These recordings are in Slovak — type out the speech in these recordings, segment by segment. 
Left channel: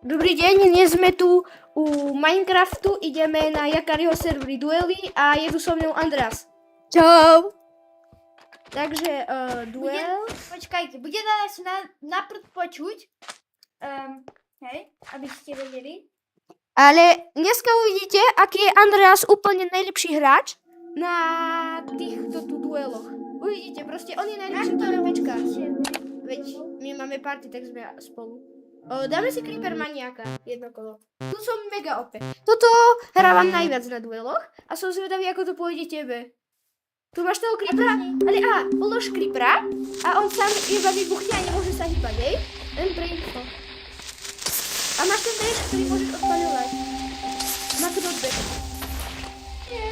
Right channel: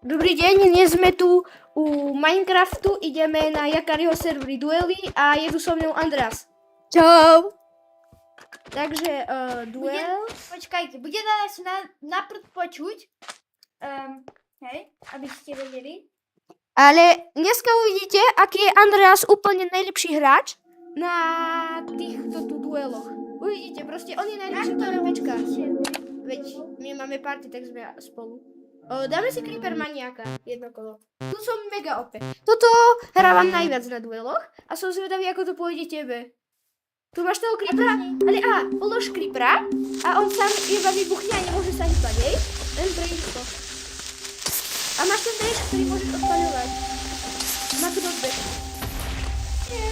Dobrý deň, dnes sme tu u Minecraftu, ideme na Jakariho servery duely a je tu so mnou Andreas. Čau. Takže duel. Počkajte, bude nás naprd počuť. Hej, aby ste vedeli. Ale dneska uvidíte, aký je Andreas úplne najlepší hráč na týchto tu dueloch. Uvidíte, proste on je najlepší PvPčka. Veď my máme party, tak sme spolu. Dáme si Creeper maniaka, jedno kolo. Tu som mega OP. Toto hrávam najviac na dueloch a som zvedavý, ako to pôjde tebe. Tu máš toho Creepera, ale polož Creepera a on sám iba vybuchne a nemôže sa hýbať, hej? Len pre info. A máš ten dash, ktorý môžeš odpaľovať. Má knockback. Nie.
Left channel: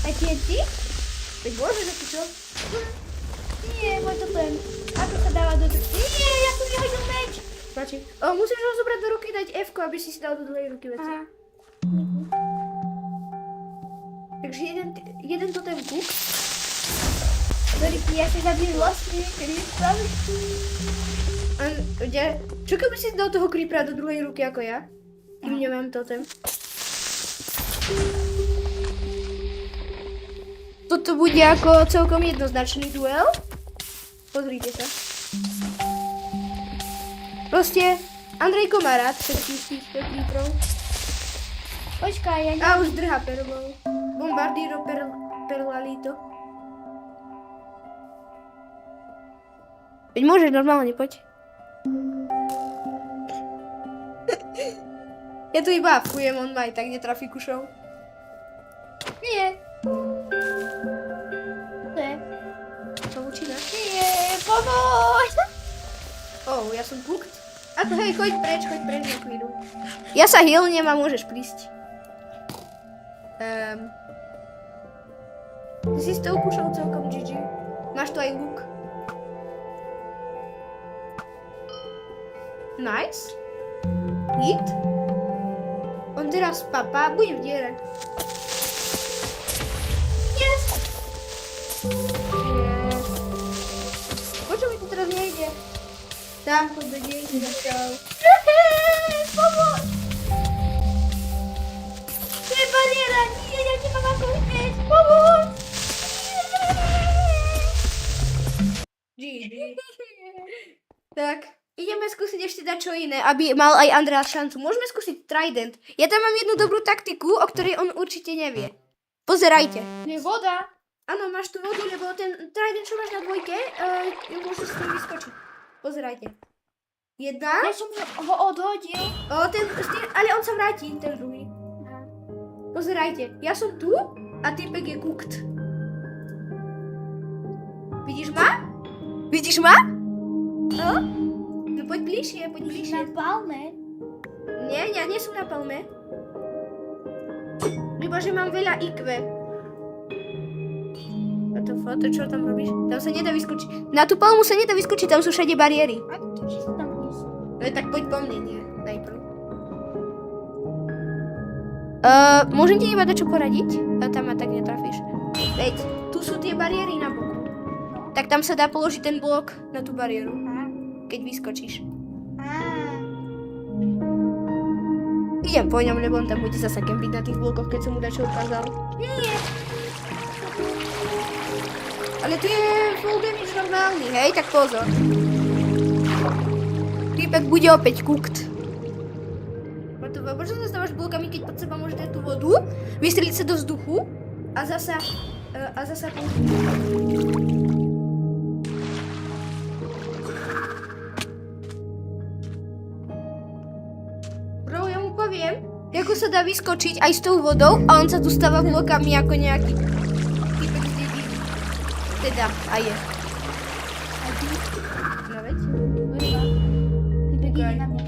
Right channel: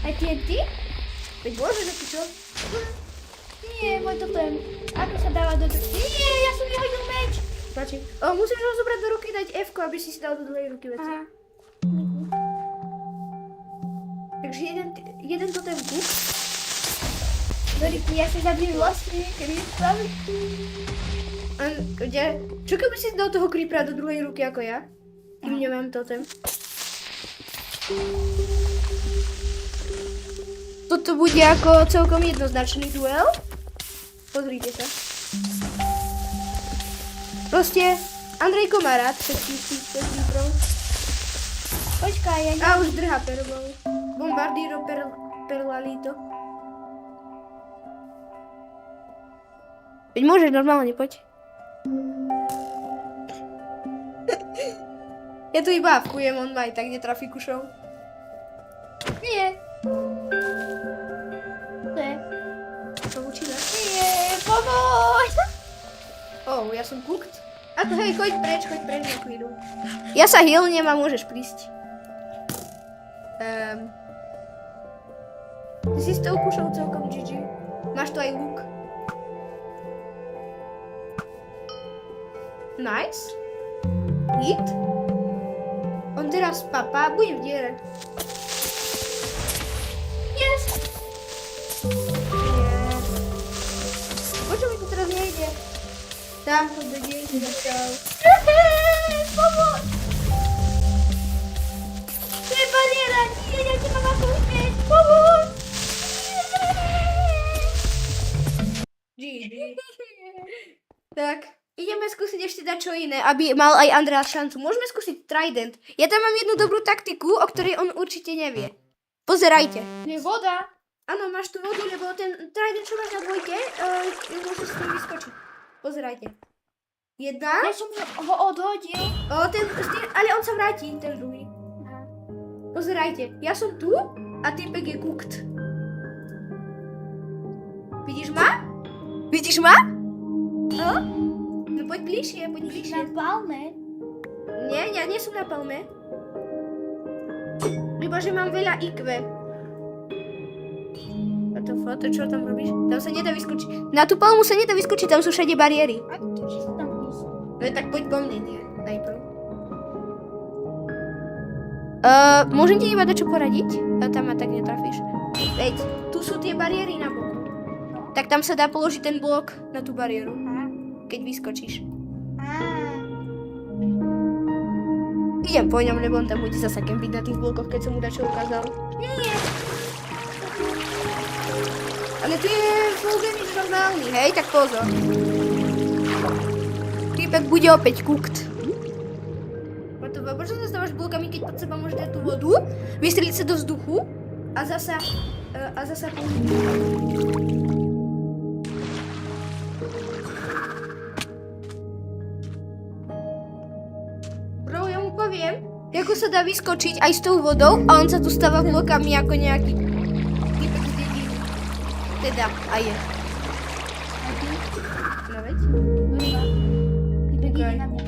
Aj TNT? Veď môžeš, a ty čo? Nie, môj totem. Ako sa dáva do... Nie, ja som vyhodil meč. Páči. Musíš ho zobrať do ruky, dať F-ko, aby si dal do druhej ruky veci. Aha. Takže jeden totem kuk. Doriky, ja sa zabijem vlastne, kedy je spraví. Čo keby si dal toho creepera do druhej ruky ako ja? Kým nemám totem. Toto bude ako celkom jednoznačný duel. Pozrite sa. Proste Andrejko má rád všetkých týchto creeperov. Počkaj, ja A už drha perlou. Bombardiro perlalito. Veď môžeš normálne, poď. Ja tu iba avkujem, on ma aj tak netrafí kušou. Nie. Ne. Pavučina. Nie, pomôž. Ja som cooked. A to hej, choď preč na chvíľu. Ja sa healnem a môžeš prísť. Ty si s tou kušou celkom GG. Máš tu aj luk. Nice. Hit. On teraz papá, budem v diere. Yes. Yes. Počo mi to teraz nejde? Tam to bude začal. Pomôž. To je bariéra, nie, ja nemám ako unieť. Pomôž. GG. Tak, ideme skúsiť ešte dať čo iné, aby mal aj Andreas šancu. Môžeme skúsiť Trident. Ja tam mám jednu dobrú taktiku, o ktorej on určite nevie. Pozerajte. Je voda. Áno, máš tu vodu, lebo ten Trident, čo máš na dvojke, môžeš s tým vyskočiť. Pozerajte. Jedna. Ja som ho odhodil. Ale on sa vráti, ten druhý. Aha. Pozerajte, ja som tu a typek je cooked. Vidíš ma? Vidíš ma? No poď bližšie, Na palme. Nie, ja nie som na palme. Iba, že mám veľa IQ. A to čo tam robíš? Tam sa nedá vyskočiť. Na tú palmu sa nedá vyskočiť, tam sú všade bariéry. A to čo sa tam ísť? No tak poď po mne, nie? Najprv. Môžem ti iba dačo poradiť? Tam ma tak netrafíš. Veď, tu sú tie bariéry na boku. No. Tak tam sa dá položiť ten blok na tú bariéru, Aha. keď vyskočíš. Á. Idem po ňom, lebo on tam bude zasa kempiť na tých blokoch, keď som mu dačo ukázal. Nie. Ale tu je full damage normálny, hej? Tak pozor. Týpek bude opäť cooked. Prečo zastávaš blokami, keď pod seba môžeš dať tú vodu, vystreliť sa do vzduchu a zasa použiť. Bro, ja mu poviem, ako sa dá vyskočiť aj s tou vodou a on sa tu stáva blokami ako nejaký týpek z dediny. Teda, a je. A ty? No veď? Vrba. Ty begíne Okay. na mňa.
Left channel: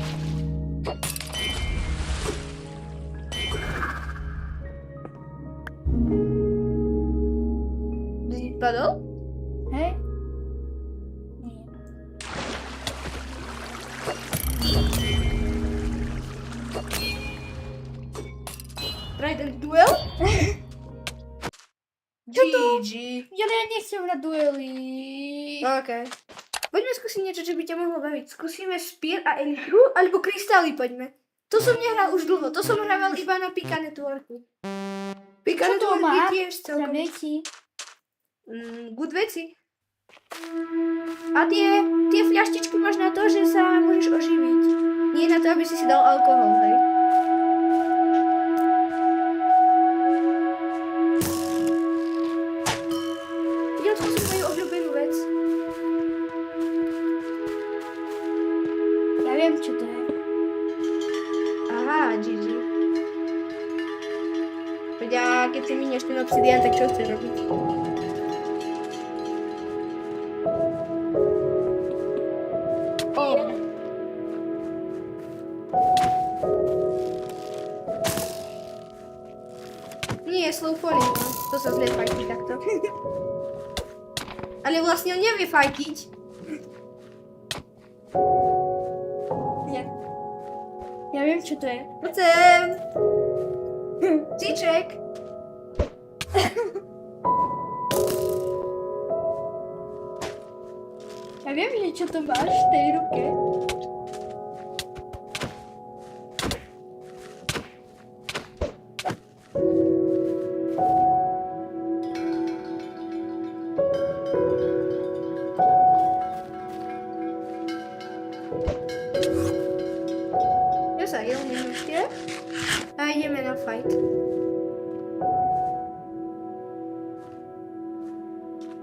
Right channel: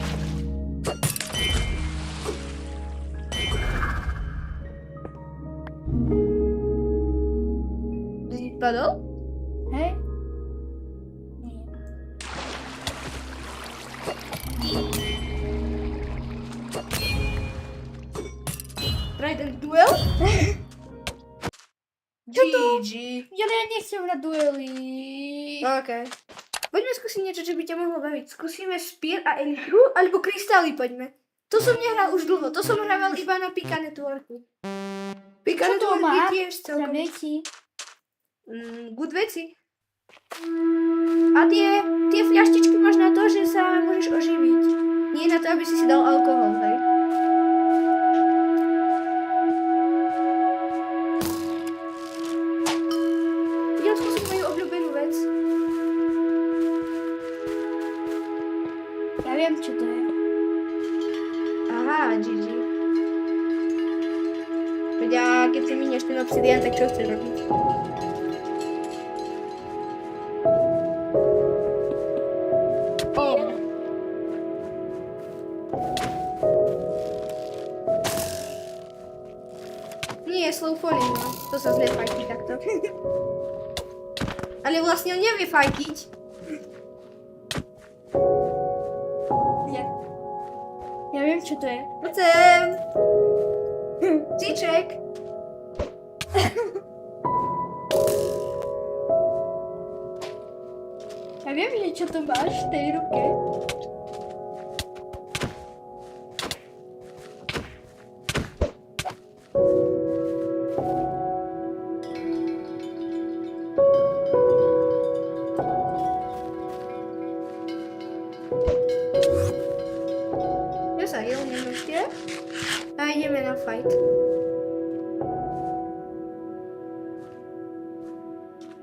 Si padol? Hej? Nie. Trident duel? GG. Ale ja nechcem na duely. Okej. Poďme skúsiť niečo, čo by ťa mohlo baviť. Skúsime špír a elitru, alebo kryštály poďme. To som nehral už dlho, to som hrával iba na Pika Networku. Pika Čo to Network má? je tiež Za celkom veci. good veci. A tie fľaštičky máš na to, že sa môžeš oživiť. Nie na to, aby si dal alkohol, hej? Idem skúsiť moju obľúbenú vec. Ja viem, čo to je. Aha, GG. Veď a keď si minieš ten obsidian, tak čo chceš robiť? Oh. Nie, slow falling, no. To sa zle fajtí takto. Ale vlastne on nevie fajtiť. Ja viem, čo to je. Chcem. Cíček. Ja viem, že čo to máš v tej ruke. Ja sa hilním ešte. A ideme na fight.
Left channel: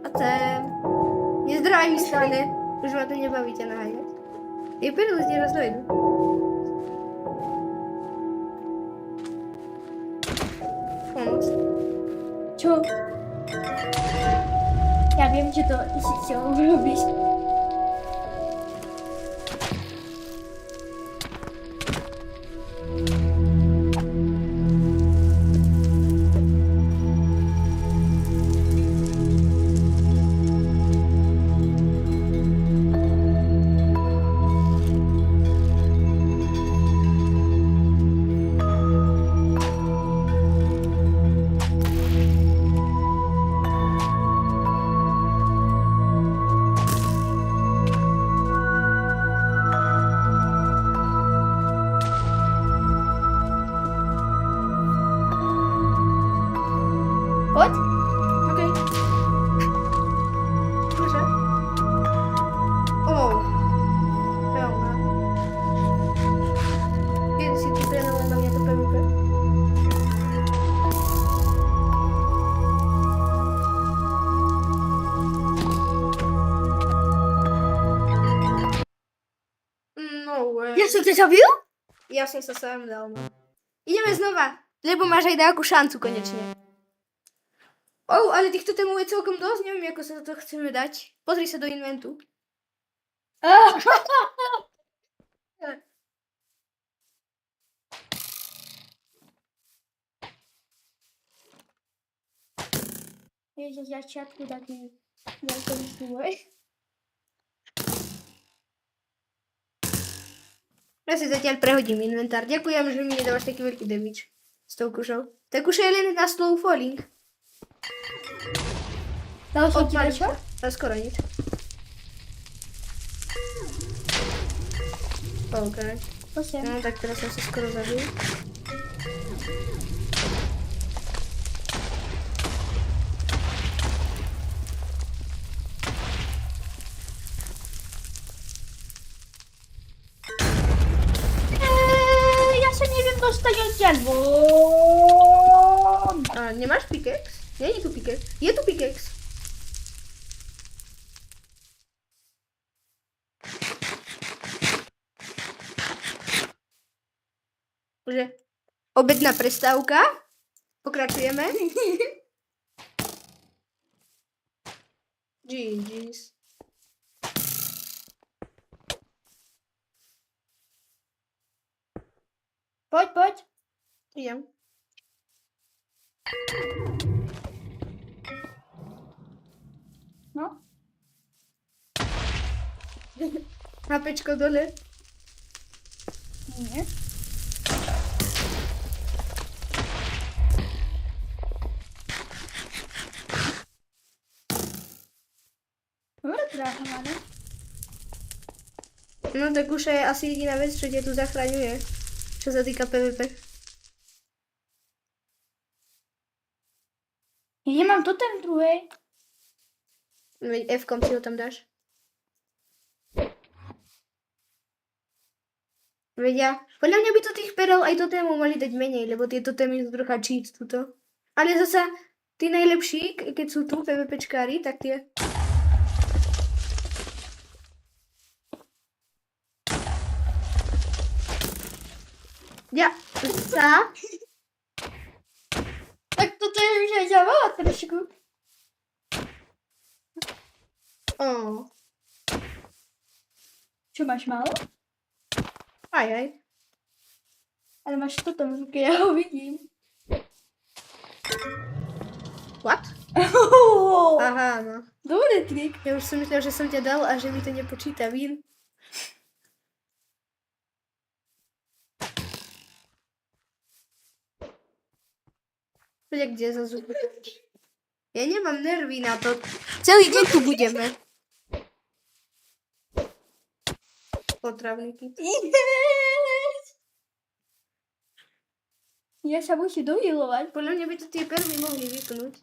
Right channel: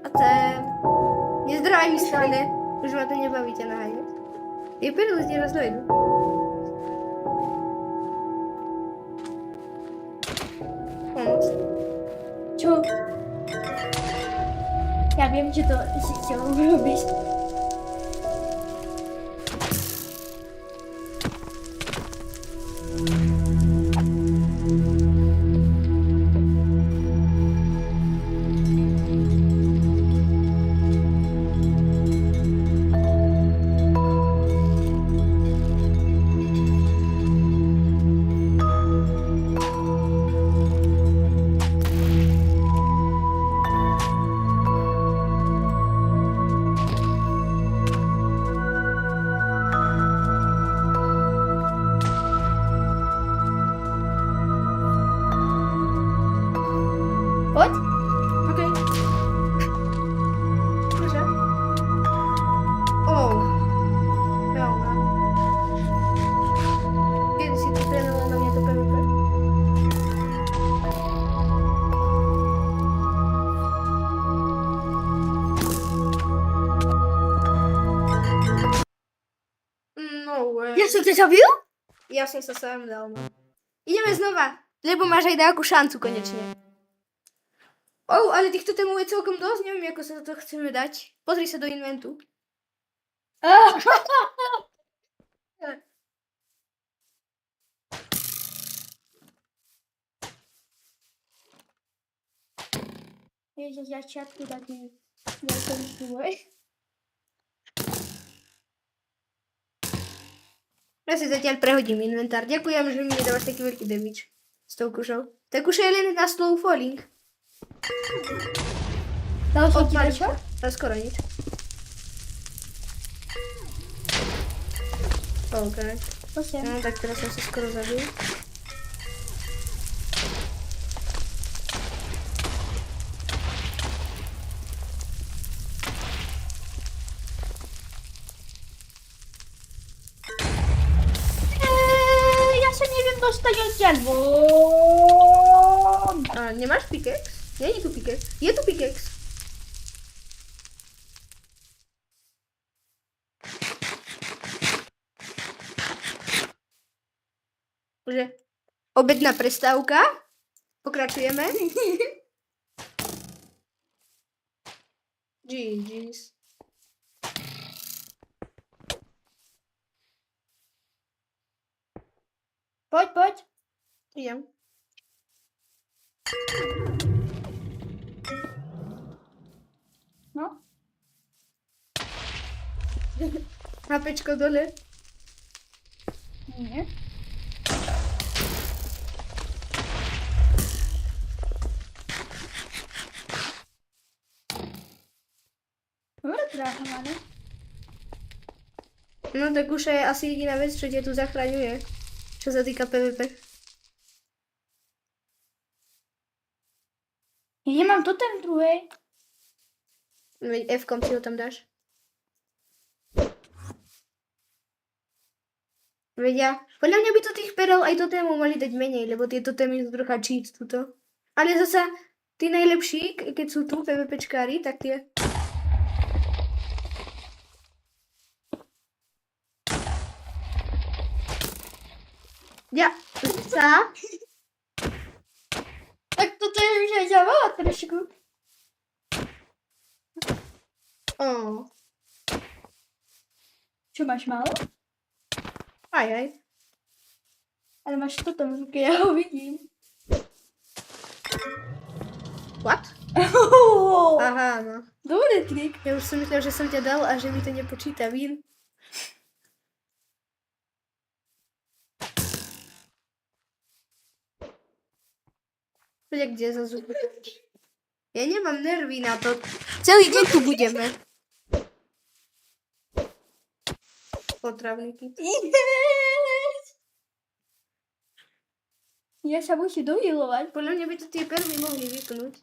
A ten... Nezdravaj mi stane. Už ma to nebaví ťa naháňať. Je perlu, kde raz dojdu. Pomoc. Čo? Ja viem, že to si chcel urobiť. Poď. Okej. Proszę. O! Pełna. Kiedy si ty trenował na mnie to PvP? No way. Ja som ťa zabil? Ja som sa sám dal, no. Ideme znova, lebo máš aj nejakú šancu konečne. Ale týchto témov je celkom dosť, neviem, ako sa to chceme dať. Pozri sa do inventu. Vieš, že začiatku taký veľký súboj. Ja si zatiaľ prehodím inventár. Ďakujem, že mi nedávaš taký veľký damage s tou kušou. Tá kuša je len na slow falling. Dal som ti Odpaliť čo? sa. Skoro nič. OK. Prosím. No tak teraz som sa skoro zabil. Ja sa neviem dostať odtiaľ von. A nemáš pickaxe? Nie je tu pickaxe. Je tu pickaxe. Že obedná prestávka. Pokračujeme. GG's. Poď. Idem. No. Hapečko dole. Nie. stráhované. No tak už je asi jediná vec, čo ťa tu zachraňuje. Čo sa týka PvP. Ja nemám totem druhej. Veď F-kom si ho tam dáš. Veď ja, podľa mňa by to tých perel aj totémov mali dať menej, lebo tie totémy sú trocha cheat tuto. Ale zasa, tí najlepší, keď sú tu PvPčkári, tak tie... Ja, sa? Tak toto je už aj zavala trošku. Oh. Čo máš málo? Aj. Ale máš totem v ruke, ja ho vidím. What? Aha, no. Dobrý trik. Ja už som myslel, že som ťa dal a že mi to nepočíta vín. Poďa, kde za zuby? Ja nemám nervy na to. Celý deň tu budeme. Potravníky. Ja sa musím dohilovať. Podľa mňa by to tie perly mohli vypnúť.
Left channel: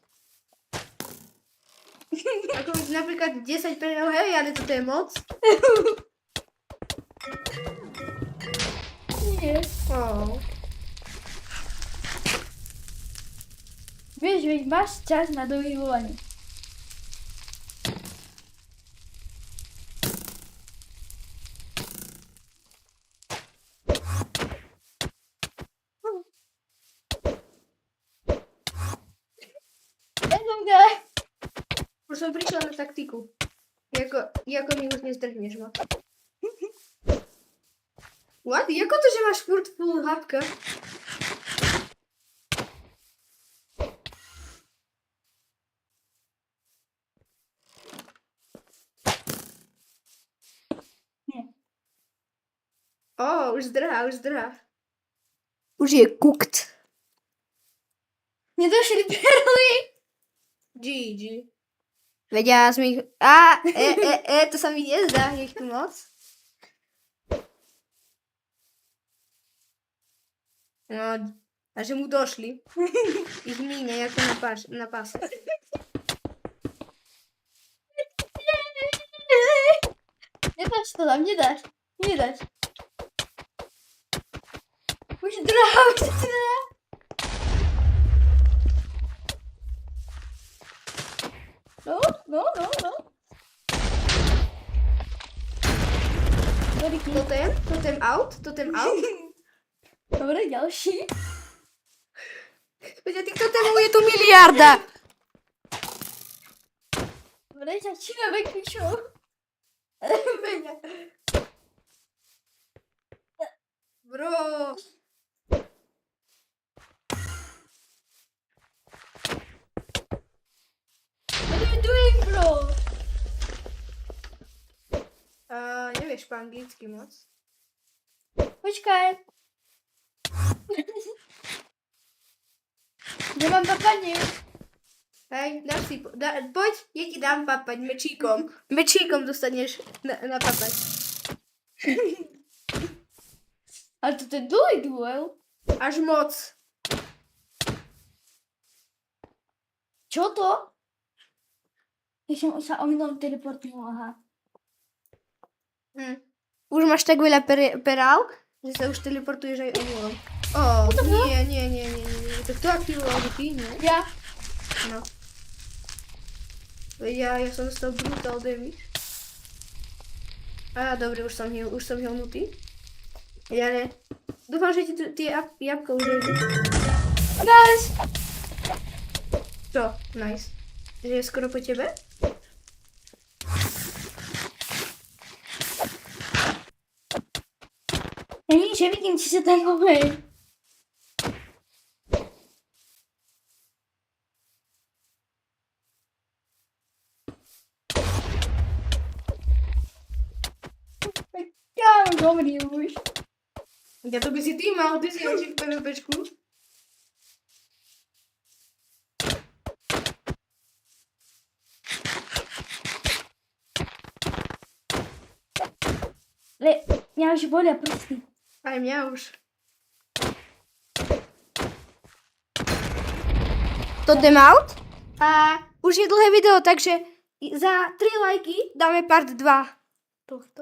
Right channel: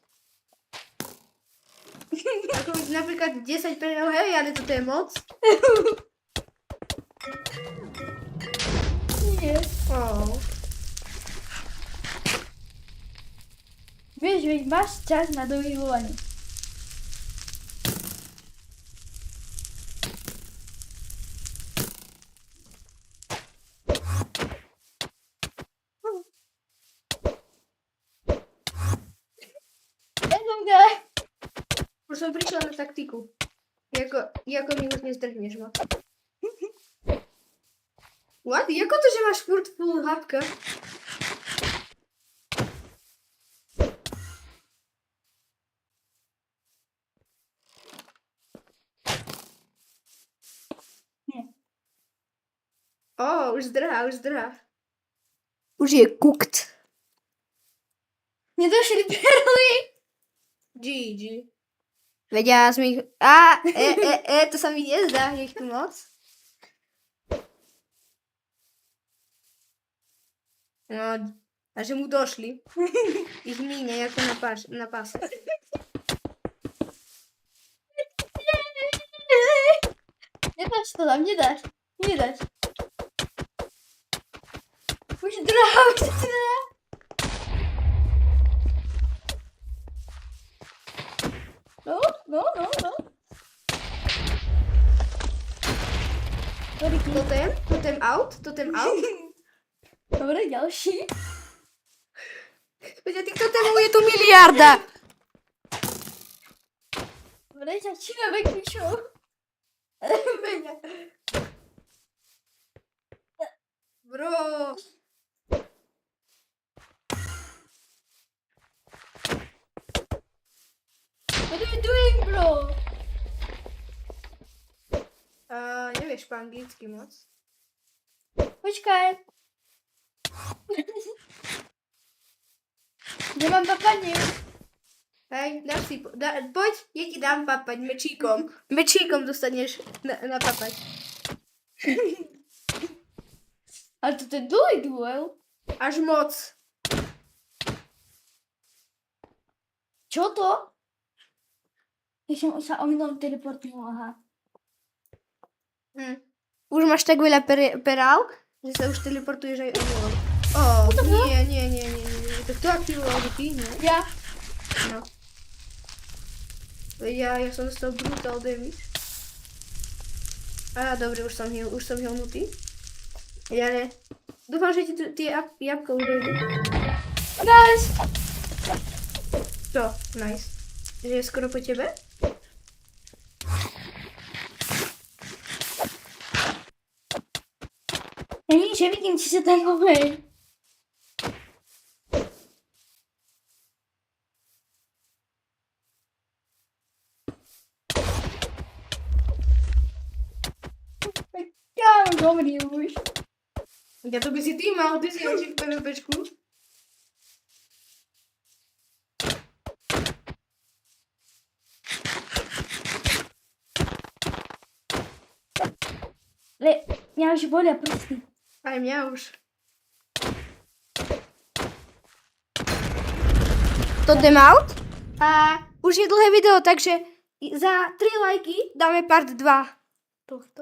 Ako napríklad 10 perel, hej, ale toto je moc. Nie. Oh. Vieš, veď máš čas na dohilovanie. Už som prišla na taktiku. Jako mi už nezdrhneš ma. What? Jako to, že máš furt full hapka? Nie. Už zdrhá. Už je cooked. Nedošli perly. GG. Veď ja som ich... to sa mi nezdá, je ich tu moc. No, a že mu došli. Ich míne, ako na páse. Nedáš to tam, nedáš. Už drahá. No. Totem out. Dobre, ďalší. Veď tých totemov je tu miliarda. Dobre, začíname kvíšou. Bro. What are you doing, bro? Nevieš po anglicky moc. Počkaj. Nemám papanie. Hej, dáš si... poď, ja ti dám papať mečíkom. Mečíkom dostaneš na papať. Ale to je dlhý duel. Až moc. Čo to? Ja som sa omylom teleportnul, aha. Už máš tak veľa perál, že sa už teleportuješ aj omylom. Nie. To kto aktivoval ty, nie? Ja. No. Ja som dostal brutal damage. Dobre, už som hilnutý. Ale dúfam, že ti tie jabka už dojdu. Nice. Čo? Nice. Že je skoro po tebe? Ja nič, nevidím, či sa tam hovorí. Ja mám dobrý už. Ja to by si ty mal, ty si oči v PvPčku. Mňa už bolia prsty. Aj mňa už. To jdem out. A už je dlhé video, takže za 3 lajky dáme part 2 tohto.